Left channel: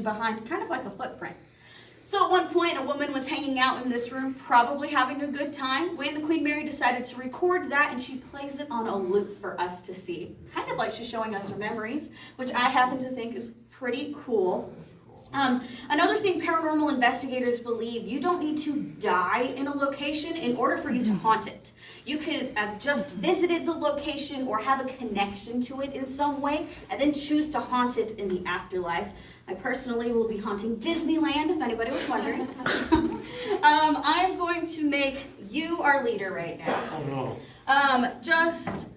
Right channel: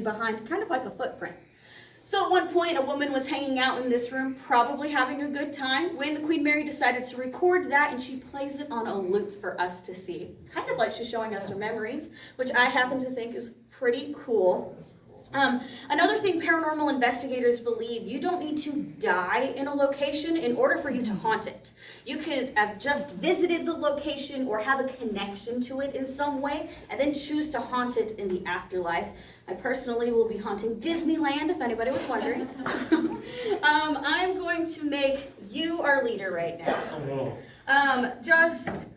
energy behind, kind of like a footprint. So at one point, a woman was hanging out in this room, probably having a good time, when the Queen Mary decided to record that, and she plays it on a loop for us to see. Kind of like she's showing us her memories, which I happen to think is pretty cool. Another thing paranormal investigators believe, you don't need to die in a location in order for you to haunt it. You could have just visited the location or have a connection to it in some way and then choose to haunt it in the afterlife. I personally will be haunting Disneyland, if anybody was wondering. I am going to make you our leader right now. Just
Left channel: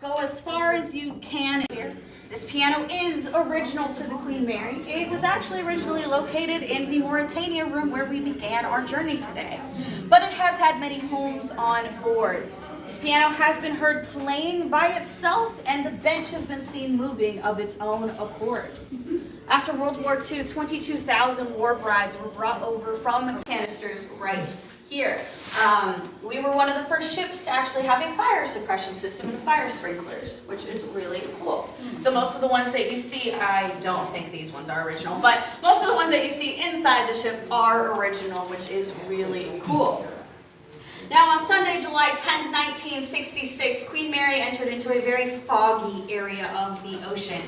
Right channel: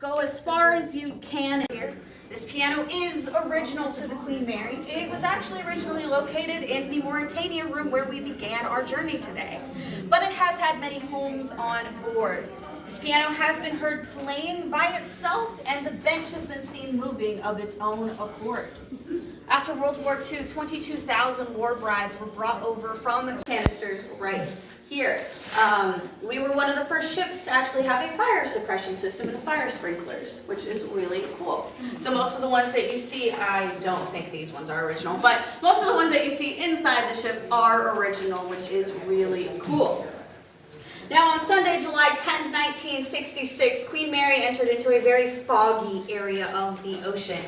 go as far as you can here. This piano is original to the Queen Mary. It was actually originally located in the Mauritania room where we began our journey today. But it has had many homes on board. This piano has been heard playing by itself, and the bench has been seen moving of its own accord. After World War II, 22,000 war brides were brought over from canisters right here. We were one of the first ships to actually have a fire suppression system and fire sprinklers, which is really cool. So most of the ones that you see, I don't think these ones are original, but most of the ones that you see inside the ship are original, which is really cool. Now on Sunday, July 10th, 1966, Queen Mary entered into a very foggy area of the ocean.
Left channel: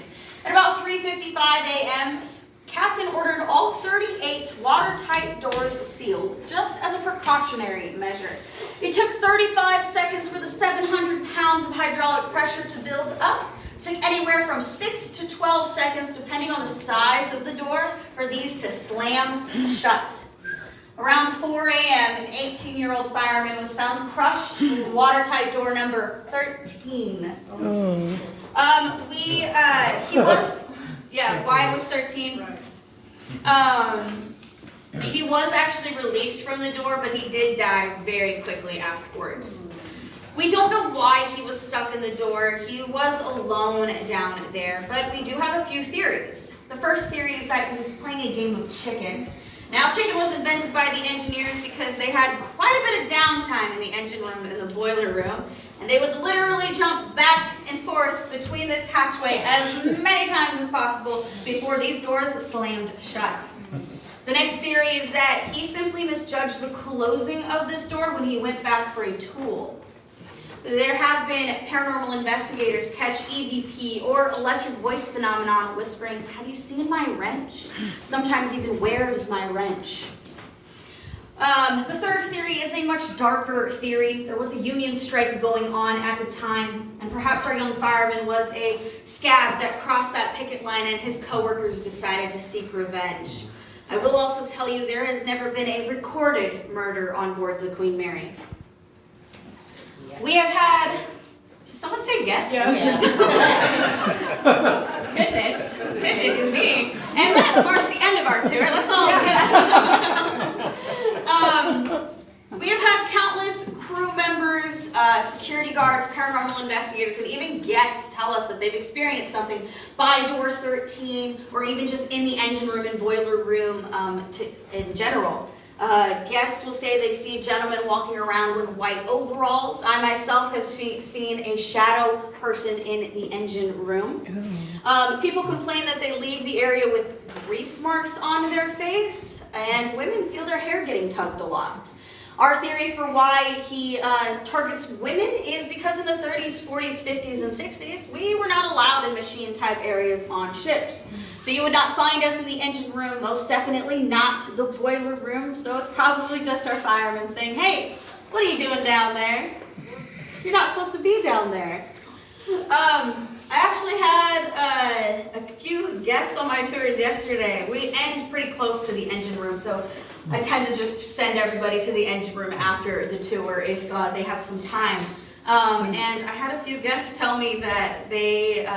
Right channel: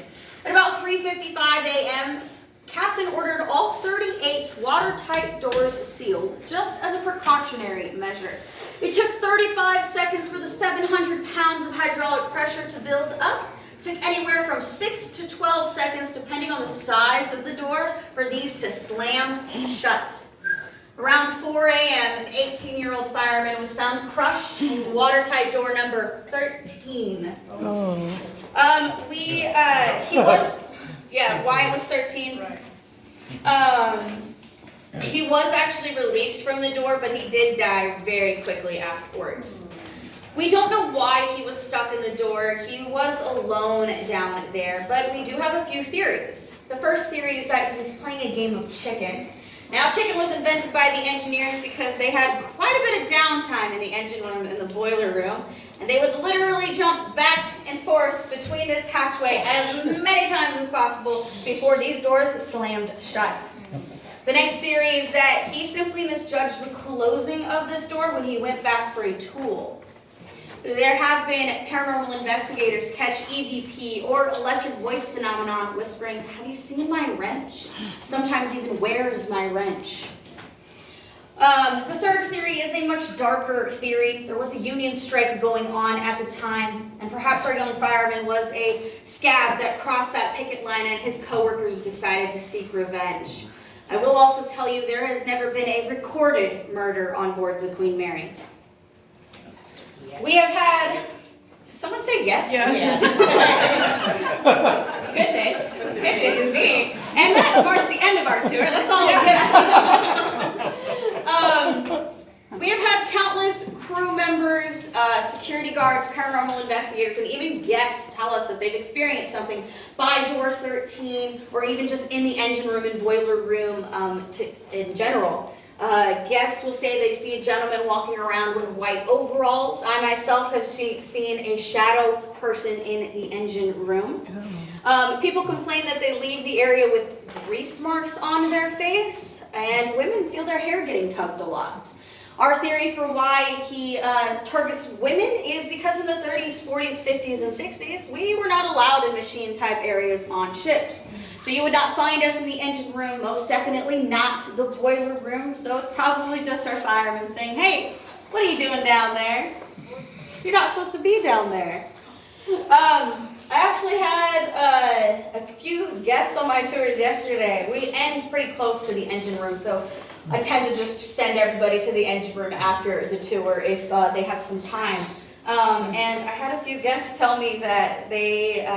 At about 3:55 a.m., Captain ordered all 38 watertight doors sealed, just as a precautionary measure. It took 35 seconds for the 700 pounds of hydraulic pressure to build up. It took anywhere from 6 to 12 seconds, depending on the size of the door, for these to slam shut. Around 4 a.m., an 18-year-old fireman was found crushed in watertight door number 13. Why it was 13. He was actually released from the door, but he did die very quickly afterwards. We don't know why he was stuck in the door. He was alone down there, but we do have a few theories. The first theory is that he was playing a game of chicken. Now, chicken was invented by the engineers because they had quite a bit of downtime in the engine room and the boiler room, and they would literally jump back and forth between this hatchway as many times as possible before these doors slammed shut. The next theory is that he simply misjudged the closing of this door when he went back for a tool. There have been paranormal investigators catch EVP or electric voice phenomenon whispering, "Have you seen my wrench?" Sometimes even, "Where's my wrench?" The third theory is a much darker theory. There was a union strike going on at the time, and perhaps our young fireman was a scab that crossed that picket line and his coworkers decided to seek revenge. I will also tell you there has never been a recorded murder on board the Queen Mary. We have had, did someone say yes? Yes. Goodness me. And that marks the end of our tour. Let's all we have had countless crew members, security guards, paranormal investigators, and even guests tell us that they've experienced something by door 13, or even just in the engine room and boiler room in general. Guests will say they see a gentleman walking around with white overalls. I myself have seen a shadow person in the engine room. People complain that they leave the area with grease marks on their face, and women feel their hair getting tugged a lot. Our theory for why he targets women is because in the 30s, 40s, 50s, and 60s, we were not allowed in machine-type areas on ships. So you would not find us in the engine room, most definitely not the boiler room. So it's probably just our firemen saying, "Hey, what are you doing down there? You're not supposed to be down there." I actually had a few guests on my tours yesterday. We end pretty close to the engine room, so I tend to just send everybody to the engine room after the tour if they have some time. And I had a few guests tell me that they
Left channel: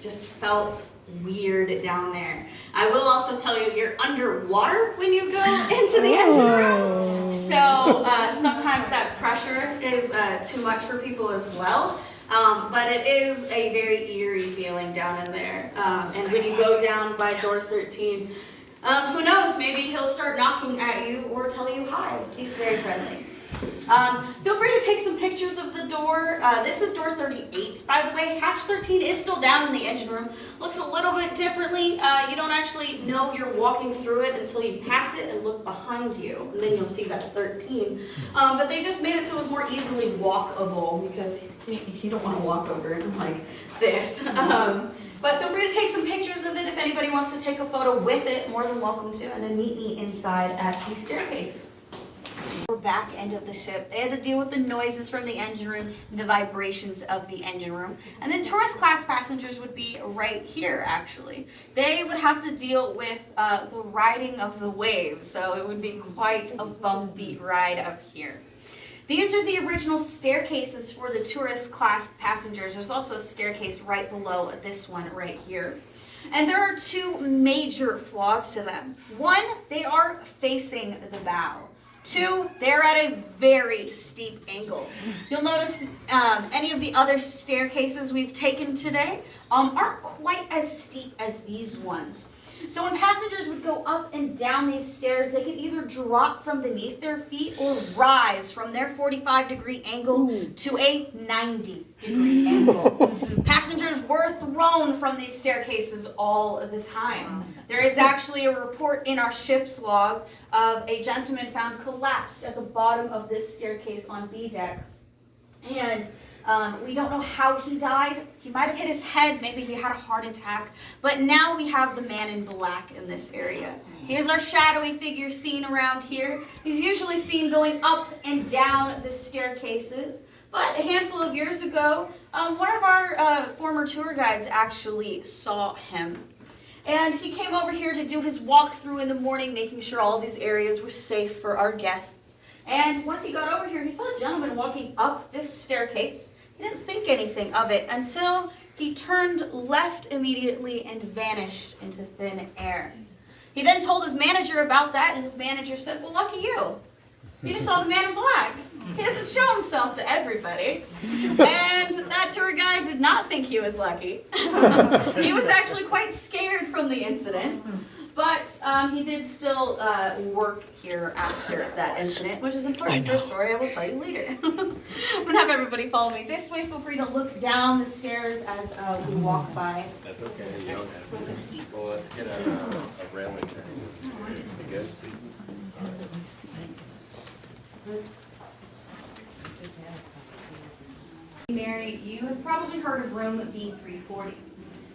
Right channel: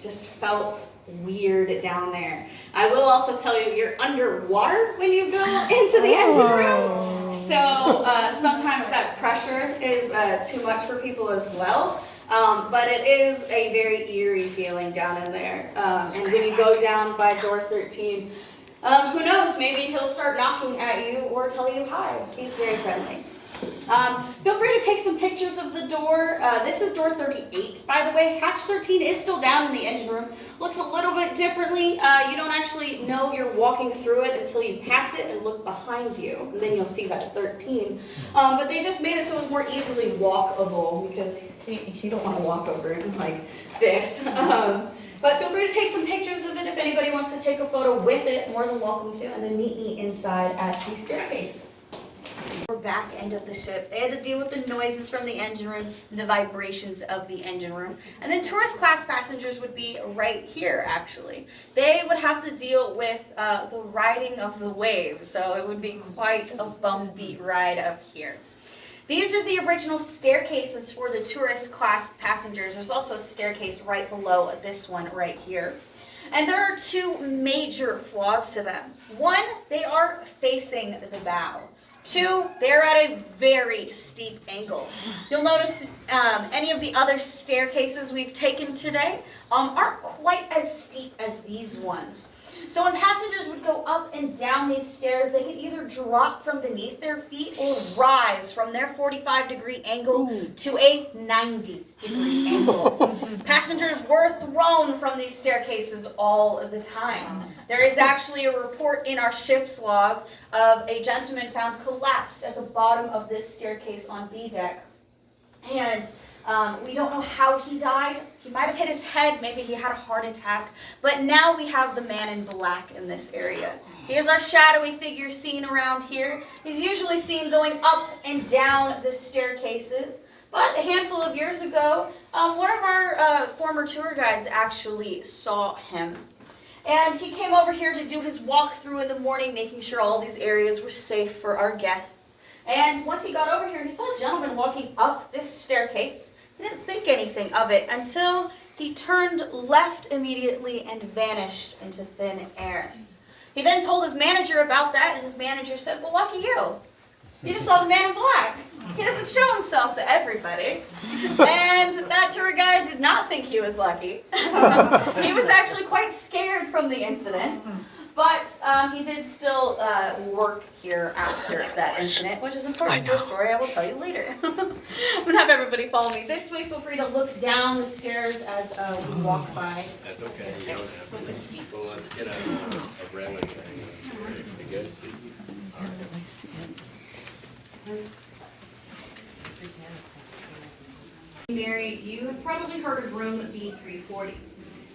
just felt weird down there. I will also tell you, you're underwater when you go into the engine room. So sometimes that pressure is too much for people as well. But it is a very eerie feeling down in there. And when you go down by door 13, who knows, maybe he'll start knocking at you or tell you hi. He's very friendly. Feel free to take some pictures of the door. This is door 38, by the way. Hatch 13 is still down in the engine room. Looks a little bit differently. You don't actually know you're walking through it until you pass it and look behind you, and then you'll see that 13. But they just made it so it was more easily walkable because you don't want to walk over it like this. But feel free to take some pictures of it if anybody wants to take a photo with it, more than welcome to, and then meet me inside at the staircase. Back end of the ship, they had to deal with the noises from the engine room and the vibrations of the engine room. And then tourist class passengers would be right here, actually. They would have to deal with the riding of the waves, so it would be quite a bumpy ride up here. These are the original staircases for the tourist class passengers. There's also a staircase right below this one right here. And there are two major flaws to them. One, they are facing the bow. Two, they're at a very steep angle. You'll notice any of the other staircases we've taken today aren't quite as steep as these ones. So when passengers would go up and down these stairs, they could either drop from beneath their feet or rise from their 45-degree angle to a 90-degree angle. Passengers were thrown from these staircases all the time. There is actually a report in our ship's log of a gentleman found collapsed at the bottom of this staircase on B deck. And we don't know how he died. He might have hit his head, maybe he had a heart attack. But now we have the man in black in this area. He is our shadowy figure seen around here. He's usually seen going up and down the staircases. But a handful of years ago, one of our former tour guides actually saw him. And he came over here to do his walkthrough in the morning, making sure all these areas were safe for our guests. And once he got over here, he saw a gentleman walking up this staircase. He didn't think anything of it until he turned left immediately and vanished into thin air. He then told his manager about that, and his manager said, "Well, lucky you. You just saw the man in black. He doesn't show himself to everybody." And that tour guide did not think he was lucky. He was actually quite scared from the incident. But he did still work here after that incident, which is important for a story I will tell you later. I'm going to have everybody follow me this way. Feel free to look down the stairs as we walk by. That's okay. You don't have to. Well, let's get a railing thing. I guess. I see it. Mary, you have probably heard of room B340.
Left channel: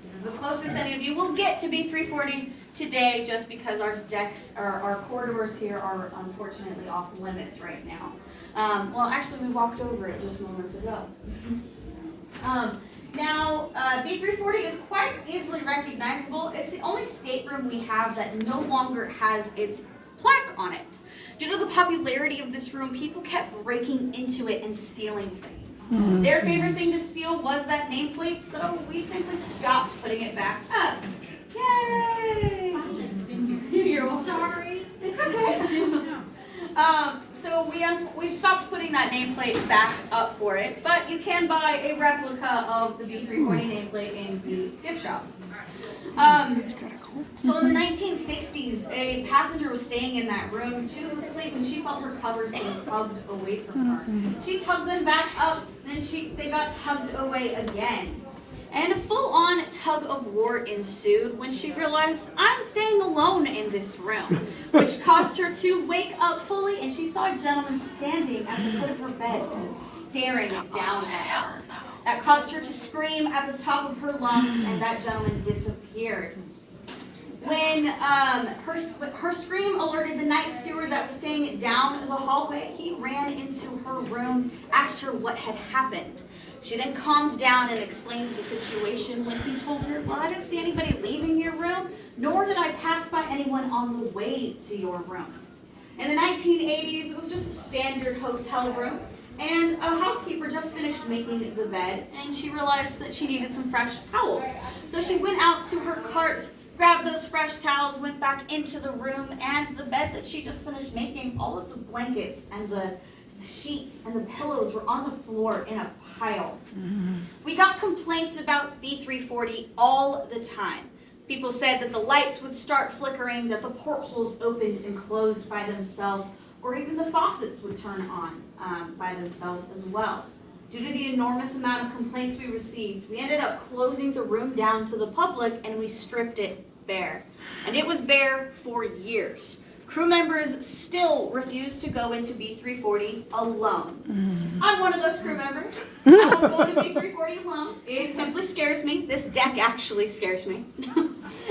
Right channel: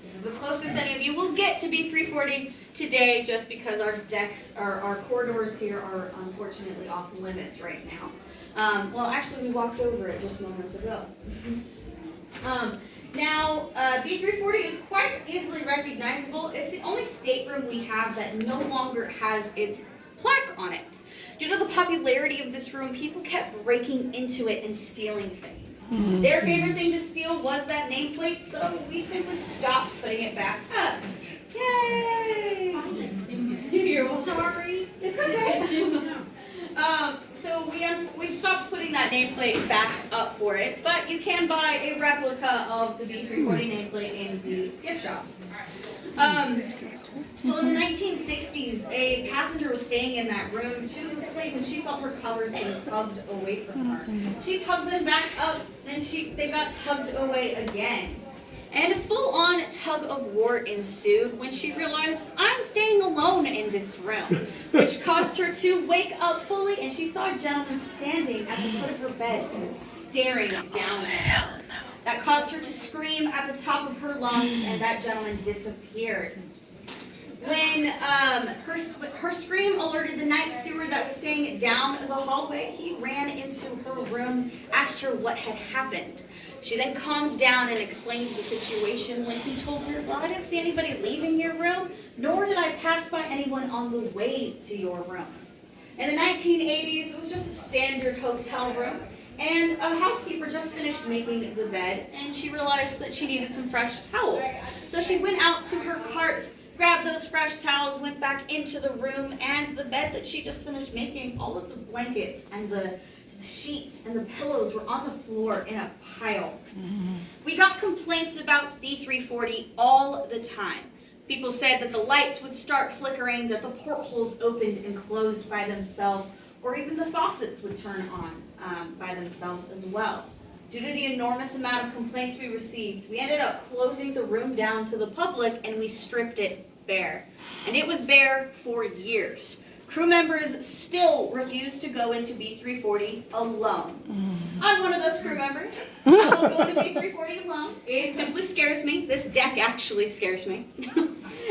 This is the closest any of you will get to B340 today, just because our decks, our corridors here are unfortunately off limits right now. Well, actually, we walked over it just moments ago. Now, B340 is quite easily recognizable. It's the only stateroom we have that no longer has its plaque on it. Due to the popularity of this room, people kept breaking into it and stealing things. Their favorite thing to steal was that nameplate, so we simply stopped putting it back up. Yay! You're sorry. It's okay. So we stopped putting that nameplate back up for it, but you can buy a replica of the B340 nameplate in the gift shop. So in the 1960s, a passenger was staying in that room. She was asleep and she felt her covers being tugged away from her. She tugged them back up, then they got tugged away again. And a full-on tug of war ensued when she realized, I'm staying alone in this room, which caused her to wake up fully, and she saw a gentleman standing at the foot of her bed, staring down at her. That caused her to scream at the top of her lungs, and that gentleman disappeared. When her scream alerted the night steward that was staying down the hallway, he ran into her room, asked her what had happened. She then calmed down and explained the situation when he told her, well, I didn't see anybody leaving your room, nor did I pass by anyone on the way to your room. In the 1980s, it was just a standard hotel room, and a housekeeper just finished making the bed, and she realized that she needed some fresh towels. So she went out to her cart, grabbed those fresh towels, went back into the room, and the bed that she just finished making, all of the blankets and the sheets and the pillows were on the floor in a pile. We got complaints about B340 all the time. People said that the lights would start flickering, that the portholes opened and closed by themselves, or even the faucets would turn on by themselves as well. Due to the enormous amount of complaints we received, we ended up closing the room down to the public and we stripped it bare. And it was bare for years. Crew members still refuse to go into B340 alone. I'm one of those crew members. I won't go into B340 alone. It simply scares me. This deck actually scares me.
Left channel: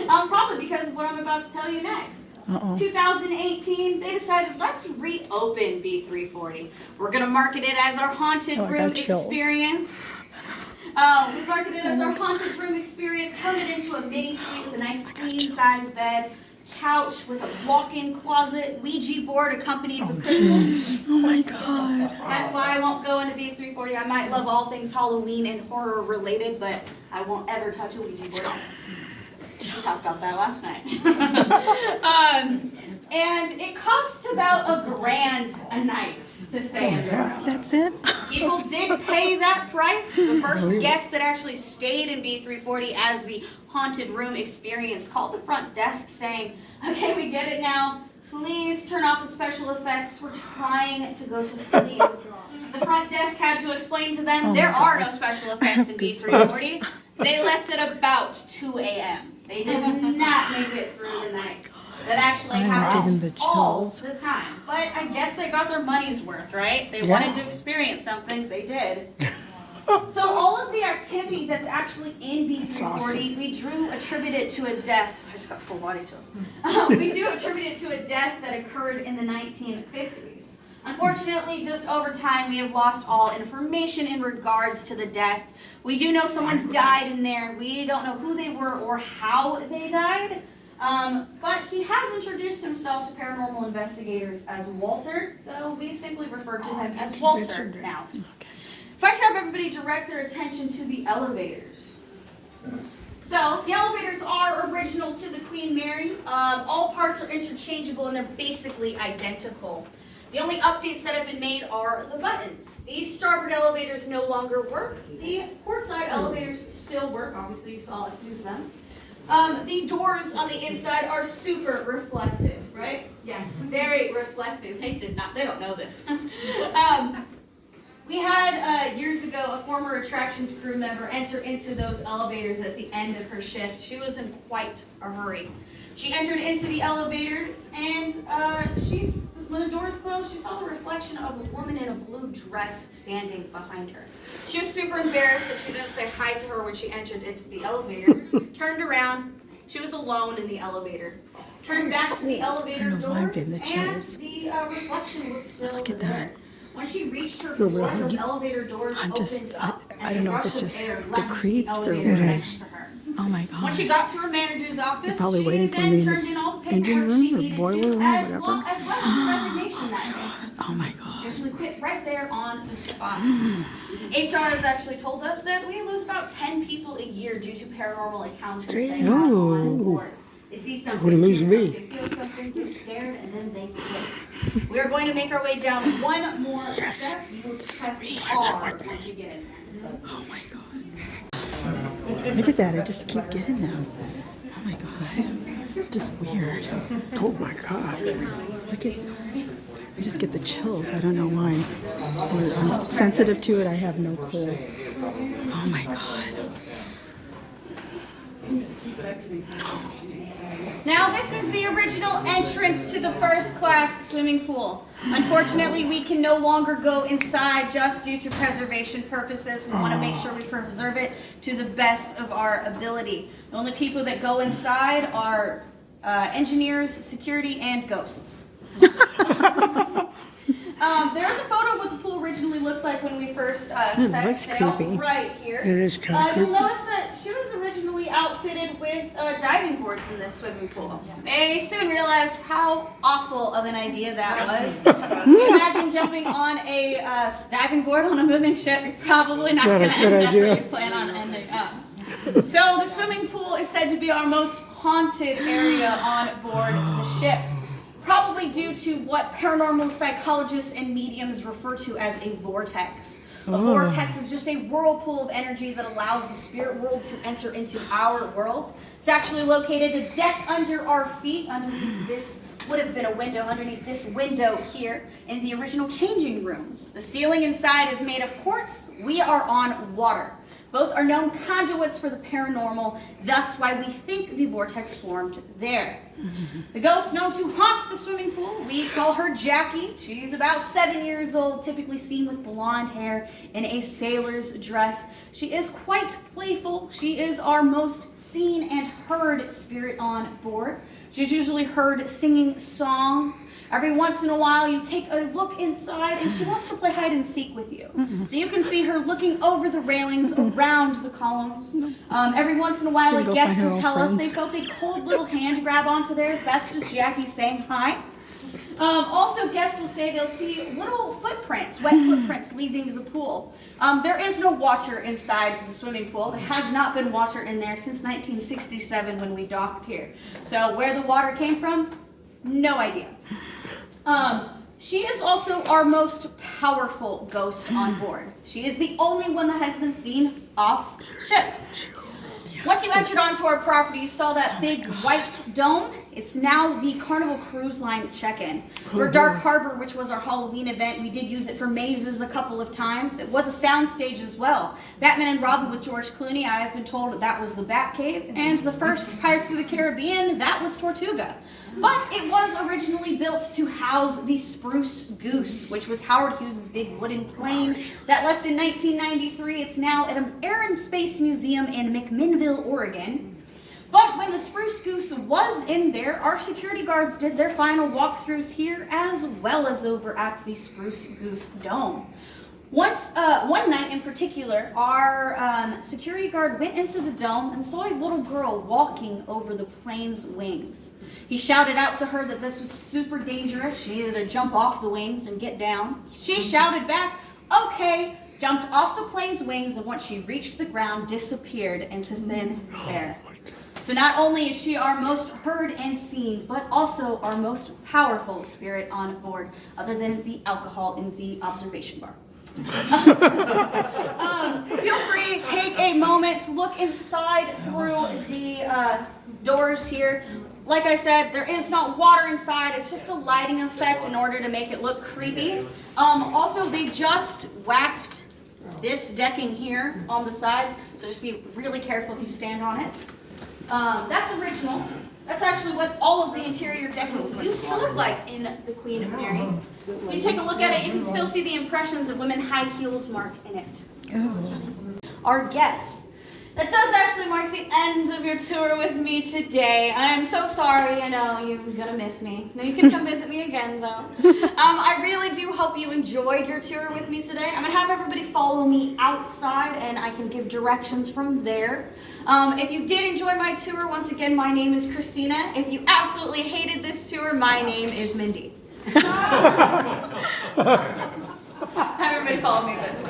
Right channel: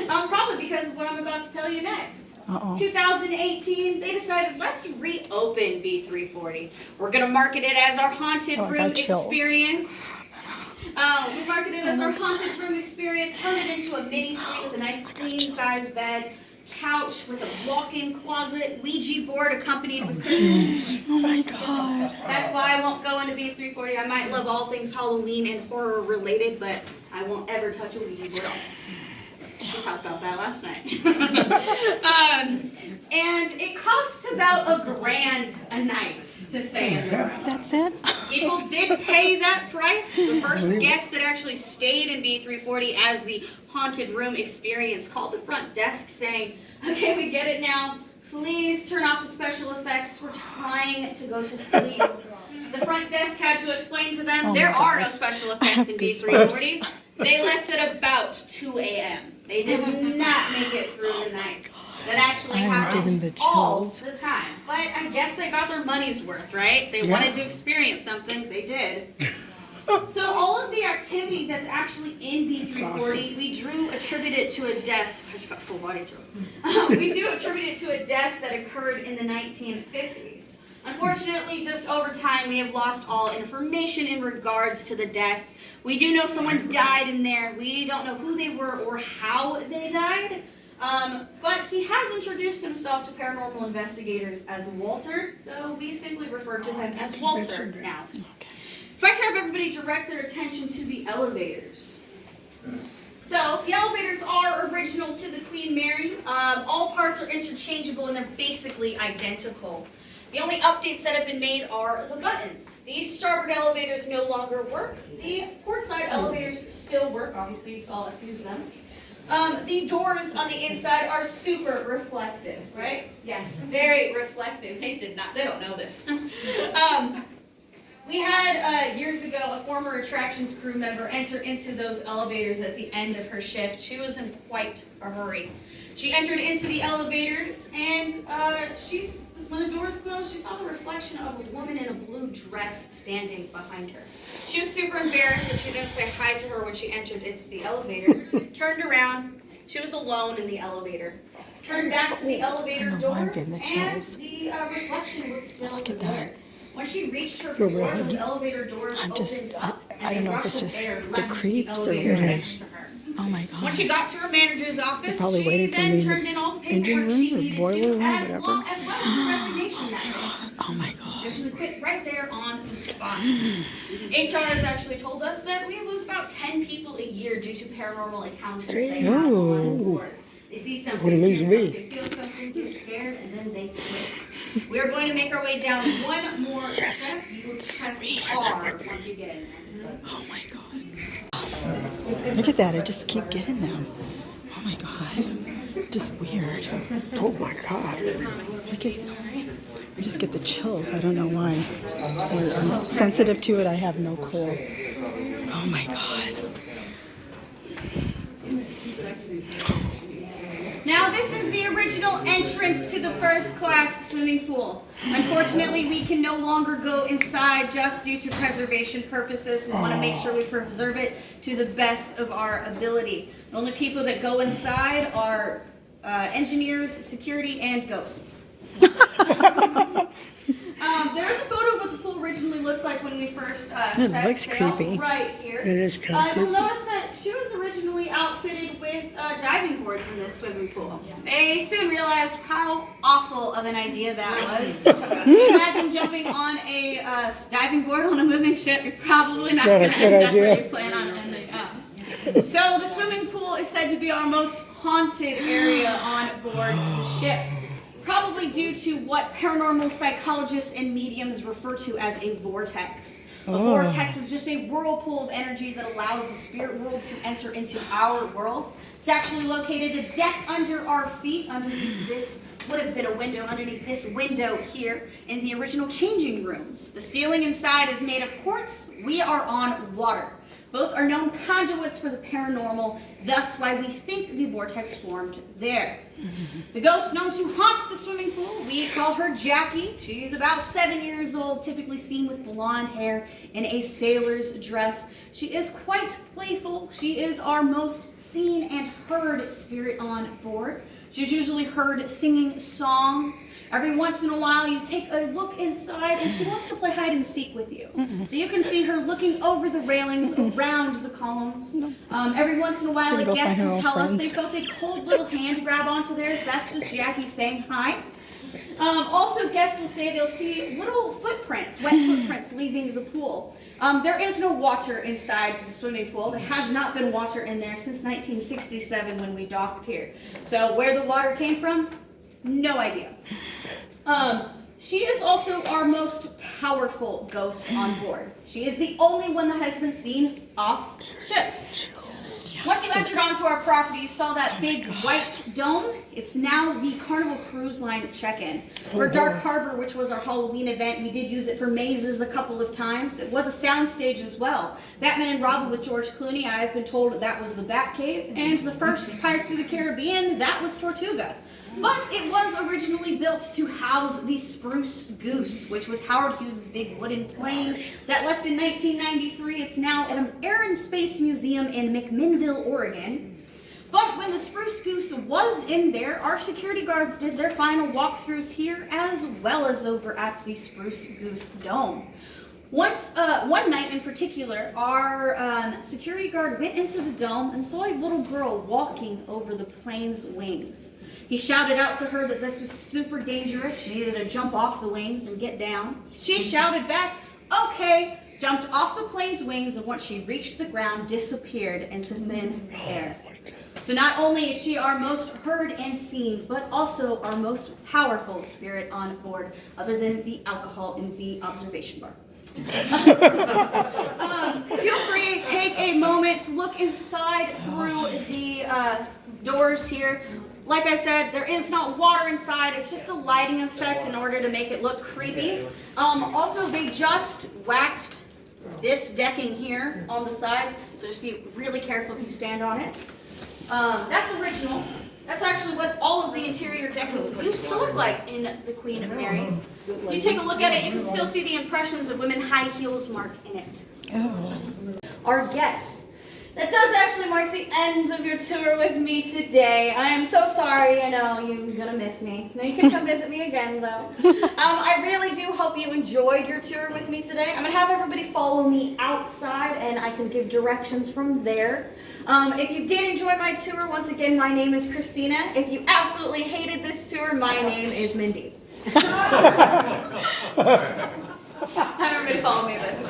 Probably because of what I'm about to tell you next. 2018, they decided, let's reopen B340. We're going to market it as our haunted room experience. We marketed it as our haunted room experience, turned it into a mini suite with a nice queen-size bed, couch with a walk-in closet, Ouija board accompanied with crystals. Oh my God. That's why I won't go into B340. I might love all things Halloween and horror related, but I won't ever touch a Ouija board. We talked about that last night. And it costs about $1,000 a night to stay in the room. That's it? People did pay that price. The first guest that actually stayed in B340 as the haunted room experience called the front desk saying, okay, we get it now. Please turn off the special effects. We're trying to go to sleep. The front desk had to explain to them there are no special effects in B340. They left at about 2 a.m. They did not make it through the night. That actually happened all the time. But I guess they got their money's worth, right? They wanted to experience something. They did. So all of the activity that's actually in B340, we do attribute it to a death. I just got full body chills. We do attribute it to a death that occurred in the 1950s. Unfortunately, just over time, we have lost all information in regards to the death. We do know someone died in there. We don't know who they were or how they died. But he has introduced himself to paranormal investigators as Walter, so we simply refer to him as Walter now. If I could have everybody direct their attention to the elevators. So, the elevators are original to the Queen Mary. All parts are interchangeable and they're basically identical. The only updates that have been made are the buttons. These starboard elevators no longer work. The portside elevators still work. Obviously, you saw us use them. The doors on the inside are super reflective, right? Yes, very reflective. They don't know this. We had, years ago, a former attractions crew member enter into those elevators at the end of her shift. She was in quite a hurry. She entered into the elevators, and when the doors closed, she saw the reflection of a woman in a blue dress standing behind her. She was super embarrassed that she didn't say hi to her when she entered into the elevator. Turned around, she was alone in the elevator. Turned back to the elevator doors, and the reflection was still there. When she reached her floor, those elevator doors opened up, I and don't a know if rush it's of just air the left creeps the or elevator what. next to her. Oh my God. When she got to her manager's office, probably she waiting for then me in turned the in all the engine paperwork she room or needed boiler to, room, as whatever. well as her resignation that day. Oh my God. She actually quit right there on the spot. HR has actually told us that we lose about 10 people a year due to paranormal encounters they have on board. They see something, hear something, feel something, get scared, and then they quit. We are going to make our way down one more step. You will press R once you get in there. Oh my God. Look at that. I just keep getting them. Oh my God. Just weird. Oh my God. Look at I just get the chills. I don't know why. I'm sensitive to it. I have no clue. Oh my God. Now, this is the original entrance to the first class swimming pool. Unfortunately, we can no longer go inside just due to preservation purposes. We want to make sure we preserve it to the best of our ability. The only people that go inside are engineers, security, and ghosts. There's a photo of what the pool originally looked like when we first set sail creepy. right here. It is kind of You'll creepy. notice that she was originally outfitted with diving boards in this swimming pool. They soon realized how awful of an idea that was. Imagine jumping on a diving board on a moving ship. You're probably not going to end up where you plan on ending up. So the swimming pool is said to be our most haunted area on board the ship. Probably due to what paranormal psychologists and mediums refer to as a vortex. A vortex is just a whirlpool of energy that allows the spirit world to enter into our world. It's actually located a deck under our feet, underneath this would have been a window, underneath this window here in the original changing rooms. The ceiling inside is made of quartz. We are on water. Both are known conduits for the paranormal, thus why we think the vortex formed there. The ghost known to haunt the swimming pool, we call her Jackie. She's about 7 years old, typically seen with blonde hair in a sailor's dress. She is quite playful. She is our most seen and heard spirit on board. She's usually heard singing songs. Every once in a while, you take a look inside, and she wants to play hide and seek with you. So you can see her looking over the railings around the columns. Every once in a while, a guest will tell us they felt a cold little hand grab onto theirs. That's just Jackie saying hi. Also, guests will say they'll see little footprints, wet footprints leaving the pool. There is no water inside the swimming pool. There has not been water in there since 1967 when we docked here. So where the water came from, no idea. She is also our most powerful ghost on board. She is the only one that has been seen off ship. Once you entered onto our property, you saw that big white dome. It's now the Carnival Cruise Line check-in. For Dark Harbor, which was our Halloween event, we did use it for mazes a couple of times. It was a sound stage as well. Batman and Robin with George Clooney, I've been told that was the Batcave. And the first Pirates of the Caribbean, that was Tortuga. But it was originally built to house the Spruce Goose, which was Howard Hughes' big wooden plane that left in 1993. It's now at an Air and Space Museum in McMinnville, Oregon. But when the Spruce Goose was in there, our security guards did their final walkthroughs here, as well as over at the Spruce Goose Dome. One night in particular, our security guard went into the dome and saw a little girl walking over the plane's wings. He shouted out to her that this was super dangerous. She needed to jump off the wings and get down. She shouted back, okay, jumped off the plane's wings, and once she reached the ground, disappeared into thin air. So not only is she our most heard and seen, but also our most powerful spirit on board, other than the alcohol in the observation bar. Feel free, take a moment to look inside through the doors here. Like I said, there is not water inside. It's just a lighting effect in order to make it look creepy. Also, they just waxed this decking here on the sides, so just be really careful if you stand on it. That's original. That's actually what all of the interior decking used to look like in the Queen Mary. If you take a look at it, you can still see the impressions of women high heels mark in it. Oh. Our guests. That does actually mark the end of your tour with me today. I am so sorry. I know you're gonna miss me. No, you can come visit me again, though. I really do hope you enjoyed your tour with me today. I'm gonna have everybody follow me outside, and I can give directions from there. If you did enjoy my tour, once again, my name is Christina. If you absolutely hated this tour, my name is Mindy. Have everybody follow me this